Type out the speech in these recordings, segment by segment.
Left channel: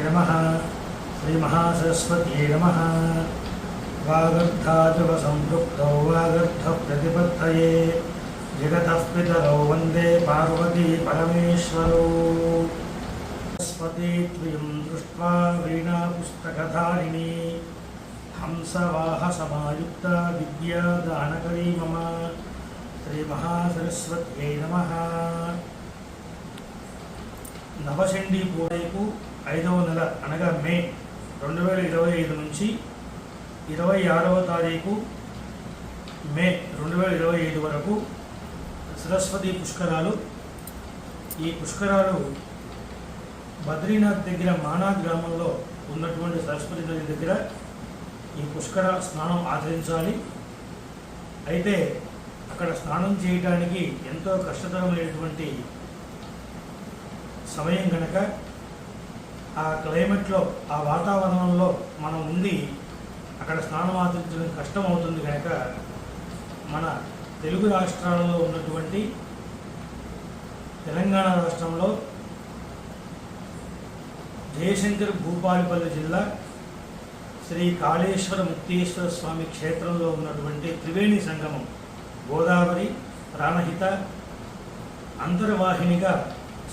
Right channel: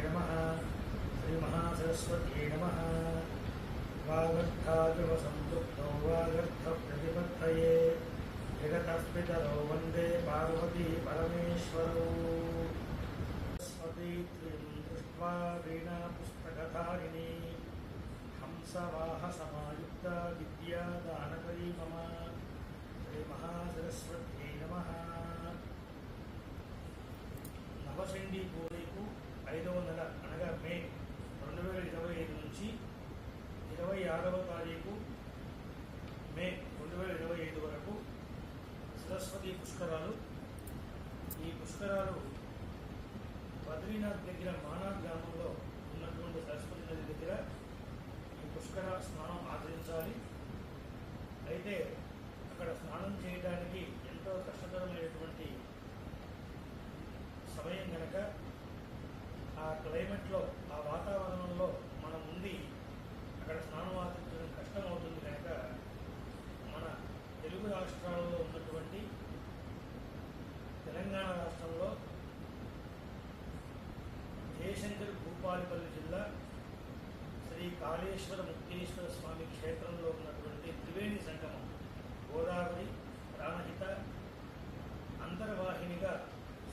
नमः। श्री महासरस्वत्यै नमः। वागर्थाजुगसंपृक्तौ वागर्थप्रतिपत्तये जगतः पितरौ वन्दे पार्वती परमेश्वरौ। सरस्वती त्वयं दृष्ट्वा वीणापुस्तकधारिणी हंसवाहसमायुक्ता विद्यादानकरी मम। श्री महासरस्वत्यै नमः। నవచండీ పూజకు 5వ నెల అనగా మే 2025 నుంచి 26వ తారీఖు మే 2025 వరకు సరస్వతి పుష్కరాలు. ఈ పుష్కరాలు బద్రీనాథ్ దగ్గర మానా గ్రామంలో ఉన్నటువంటి సరస్వతి నది దగ్గర ఈ పుష్కర స్నానం ఆచరించాలి. అయితే అక్కడ స్నానం చేయడానికి ఎంతో కష్టతరమైనటువంటి సమయం కనుక ఆ క్లైమేట్లో ఆ వాతావరణంలో మనం ఉండి అక్కడ స్నానం ఆచరించడం కష్టం అవుతుంది కనుక మన తెలుగు రాష్ట్రాలలో ఉన్నటువంటి తెలంగాణ రాష్ట్రంలో జయశంకర్ భూపాలపల్లి జిల్లా శ్రీ కాళేశ్వర ముక్తేశ్వర స్వామి క్షేత్రంలో ఉన్నటువంటి త్రివేణి సంగమం గోదావరి ప్రాణహిత అంతర్వాహినిగా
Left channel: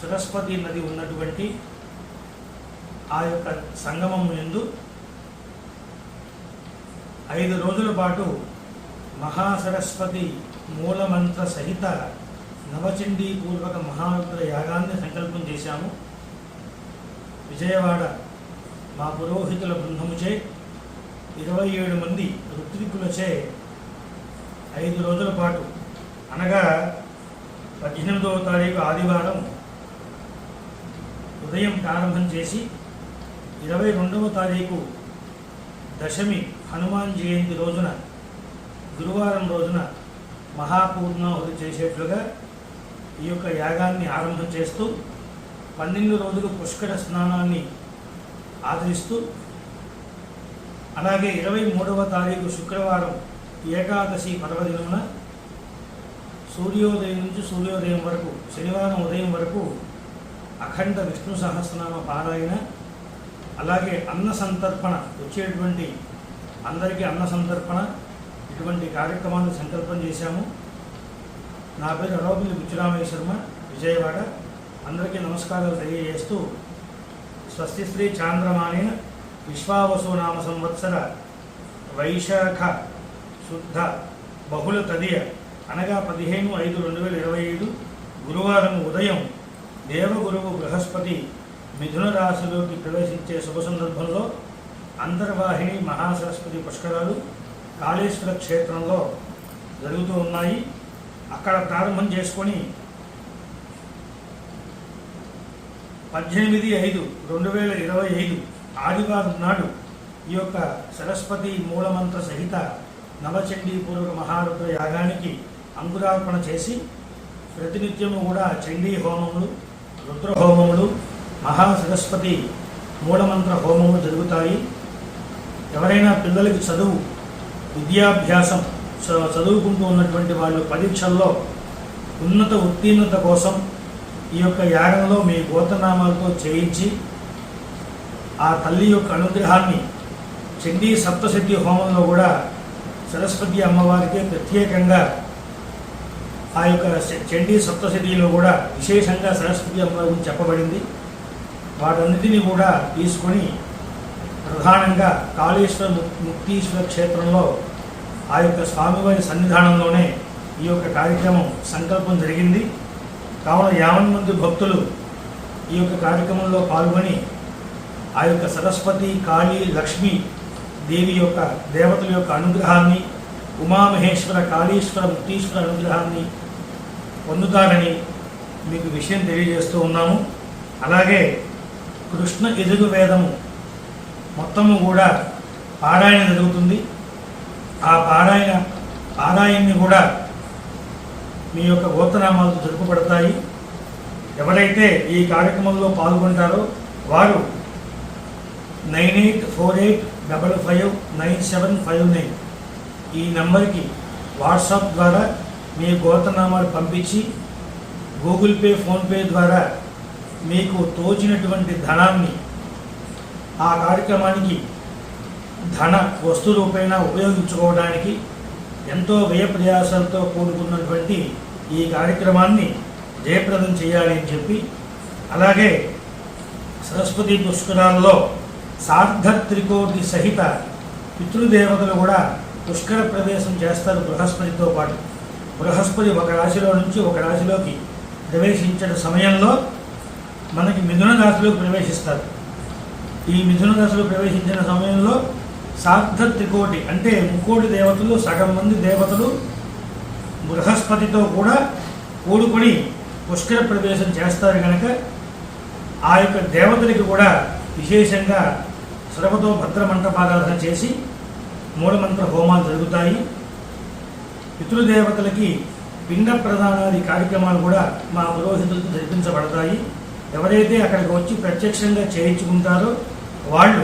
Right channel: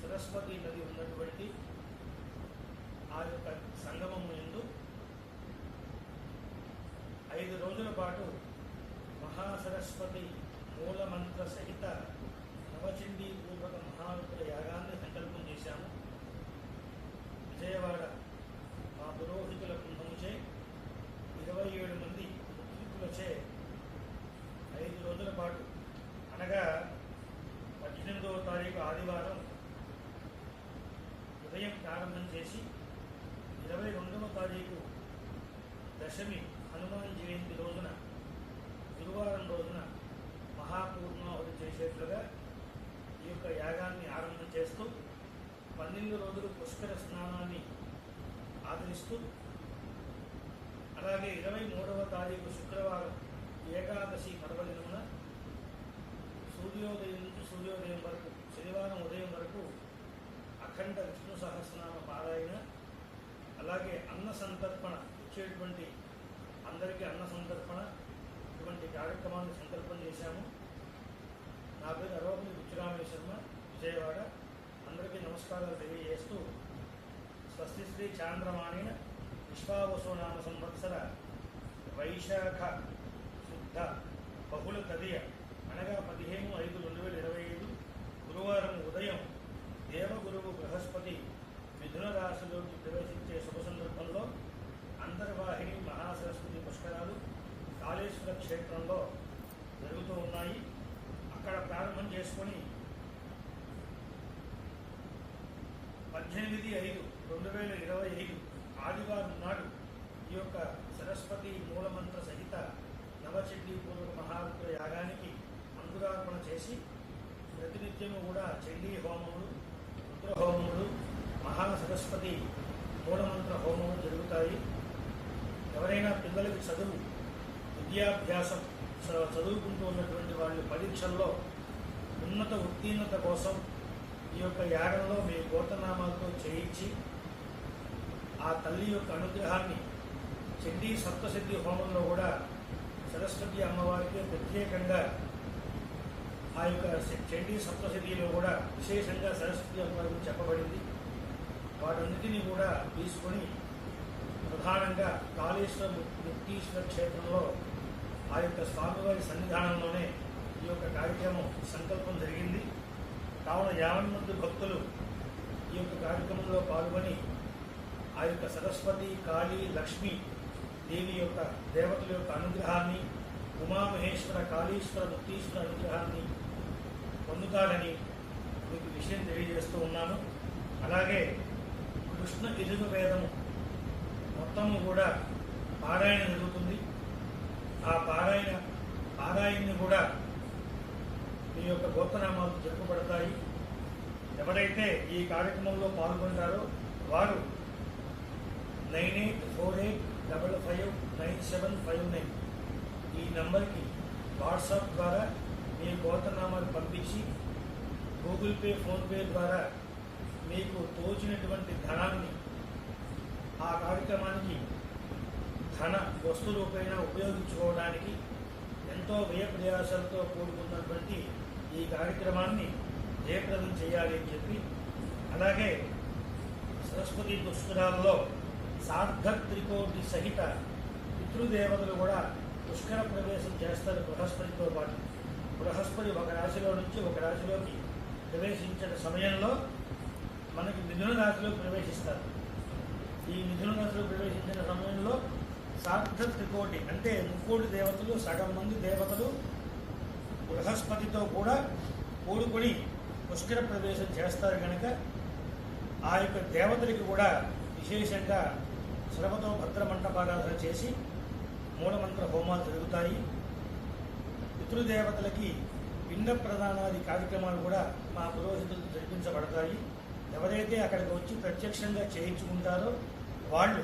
సరస్వతి నది ఉన్నటువంటి ఆ యొక్క సంగమం యందు 5 రోజుల పాటు మహాసరస్వతి మూలమంత్ర సహిత నవచండీ పూర్వక మహారుద్ర యాగాన్ని సంకల్పం చేశాము. విజయవాడ మా పురోహితుల బృందముచే 27 మంది ఋత్వికులచే 5 రోజుల పాటు అనగా 18వ తారీఖు ఆదివారం ఉదయం ప్రారంభం చేసి 22వ తారీఖు దశమి హనుమాన్ జయంతి రోజున గురువారం రోజున మహాపూర్ణాహుతి చేసేట్లుగా ఈ యొక్క యాగాన్ని ఆరంభం చేస్తూ 12 రోజులు పుష్కర స్నానాన్ని ఆచరిస్తూ అలాగే 23వ తారీఖు శుక్రవారం ఏకాదశి పర్వదినమున సూర్యోదయం నుంచి సూర్యోదయం వరకు శనివారం ఉదయం వరకు అఖండ విష్ణు సహస్రనామ పారాయణ, అలాగే అన్న సంతర్పణ, వచ్చేటువంటి అందరికీ అన్న సంతర్పణ, ఇటువంటి కార్యక్రమాన్ని సంకల్పం చేశాము. నా పేరు అరవపల్లి బుచ్చిరామయ్య శర్మ, విజయవాడ. అందరికీ నమస్కారాలు తెలియజేస్తూ స్వస్తి శ్రీ చాంద్రమానేన విశ్వావసు నామ సంవత్సర వైశాఖ శుద్ధ బహుళ తదియ అనగా 15/5/2025 గురువారం ఉదయం దేవగురువు బృహస్పతి మిథున రాశిలోకి ప్రవేశించే శుభ సందర్భంలో అంతర్వాహిని మహాసరస్వతి పుష్కరాలు కాళేశ్వర క్షేత్రంలో జరుగుతూ ఉన్నాయి. అక్కడ ప్రారంభం చేసుకొని 18/5/2025 ఆదివారం నాడు ఈ యొక్క సరస్వతి మూలమంత్ర సహిత నవచండీ పూర్వక మహారుద్ర యాగానికి అంకురార్పణ చేసి ప్రతినిత్యము కూడా చండీ హోమములు, రుద్ర హోమములు, మహాసరస్వతి మూలమంత్ర హోమములు జరుగుతాయి. ఎవరైనా పిల్లలకి చదువు విద్యాభ్యాసం చదువుకుంటూ ఉన్నటువంటి వాళ్ళు పరీక్షల్లో ఉన్నత ఉత్తీర్ణత కోసం ఈ యొక్క యాగంలో మీ గోత్రనామాలతో చేయించి ఆ తల్లి యొక్క అనుగ్రహాన్ని చండీ సప్తశతి హోమంలో కూడా సరస్వతి అమ్మవారికి ప్రత్యేకంగా ఆ యొక్క చండీ సప్తశతిలో కూడా విశేషంగా సరస్వతి అమ్మవారి గురించి చెప్పబడింది. వాటన్నిటినీ కూడా తీసుకొని ప్రధానంగా కాళేశ్వర ముక్తీశ్వర క్షేత్రంలో ఆ యొక్క స్వామివారి సన్నిధానంలోనే ఈ యొక్క కార్యక్రమం సంకల్పం జరిగింది. కావున 50 మంది భక్తులు ఈ యొక్క కార్యక్రమంలో పాల్గొని ఆ యొక్క సరస్వతి, కాళీ, లక్ష్మీ దేవి యొక్క దేవతల యొక్క అనుగ్రహాన్ని, ఉమామహేశ్వర, కాళీశ్వర, ముక్తీశ్వర అనుగ్రహాన్ని పొందుతారని మీకు విషయం తెలియజేస్తూ ఉన్నాము. అలాగే కృష్ణ యజుర్వేదము మొత్తము కూడా పారాయణ జరుగుతుంది. ఆ పారాయణని కూడా మీ యొక్క గోత్రనామాలతో జరుపబడతాయి. ఎవరైతే ఈ కార్యక్రమంలో పాల్గొంటారో వారు 9848559759 ఈ నంబర్కి వాట్సాప్ ద్వారా మీ గోత్రనామాలు పంపించి గూగుల్ పే, ఫోన్పే ద్వారా మీకు తోచినటువంటి ధనాన్ని ఆ కార్యక్రమానికి ధన వస్తు రూపేణ ఉపయోగించుకోవడానికి ఎంతో వ్యయ ప్రయాసాలతో కూడుకున్నటువంటి ఈ కార్యక్రమాన్ని జయప్రదం చేయాలి అని చెప్పి, అలాగే సరస్వతి పుష్కరాల్లో సార్ధత్రికోటి సహిత పితృదేవతలు కూడా పుష్కర ప్రవేశం చేస్తారు బృహస్పతితో పాటు. బృహస్పతి ఒక రాశిలో నుంచి ఒక రాశిలోకి ప్రవేశించిన సమయంలో మనకి మిథున రాశిలోకి ప్రవేశిస్తారు. ఈ మిథున రాశిలో ప్రవేశించిన సమయంలో సార్ధత్రికోటి అంటే ముక్కోటి దేవతలు, సగం మంది దేవతలు బృహస్పతితో కూడా కూడుకొని పుష్కర ప్రవేశం చేస్తారు కనుక ఆ యొక్క దేవతలకి కూడా విశేషంగా శ్రమతో భద్రమంటపారాధన చేసి మూలమంత్ర హోమాలు జరుగుతాయి. పితృదేవతలకి పిండ ప్రదానాది కార్యక్రమాలు కూడా మా పురోహితులతో జరిపించబడతాయి. ఎవరైతే అక్కడికి వచ్చి ప్రత్యక్షంగా చేయించుకుంటారో వాళ్ళు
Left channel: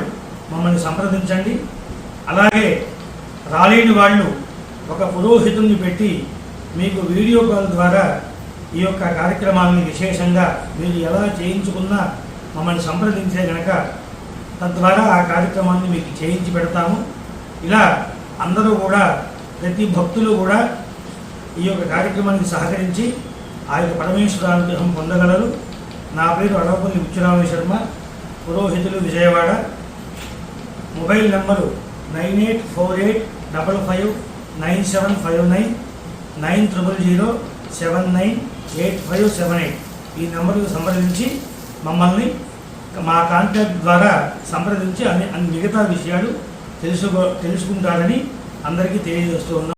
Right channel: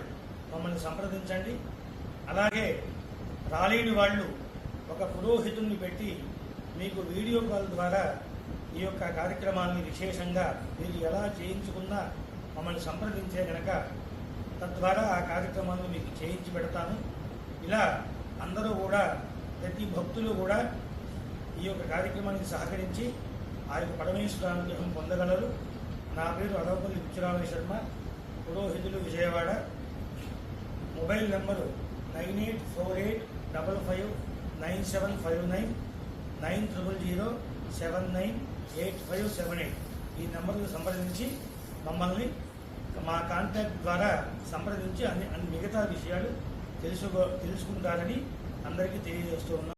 మమ్మల్ని సంప్రదించండి. అలాగే రాలేని వాళ్ళు ఒక పురోహితుడిని పెట్టి మీకు వీడియో కాల్ ద్వారా ఈ యొక్క కార్యక్రమాన్ని విశేషంగా మీరు ఎలా చేయించుకున్నా మమ్మల్ని సంప్రదించే కనుక తద్వారా ఆ కార్యక్రమాన్ని మీకు చేయించి పెడతాము. ఇలా అందరూ కూడా ప్రతి భక్తులు కూడా ఈ యొక్క కార్యక్రమానికి సహకరించి ఆ యొక్క పరమేశ్వర అనుగ్రహం పొందగలరు. నా పేరు అడవపల్లి బుచ్చిరామయ్య శర్మ, పురోహితులు, విజయవాడ. Mobile number 9848559759 9000798578. ఈ నెంబర్కు సంప్రదించి మమ్మల్ని మా కాంటాక్ట్ ద్వారా సంప్రదించి అన్ని మిగతా విషయాలు తెలుసుకుంటారని అందరికీ తెలియజేస్తూ ఉన్నాం.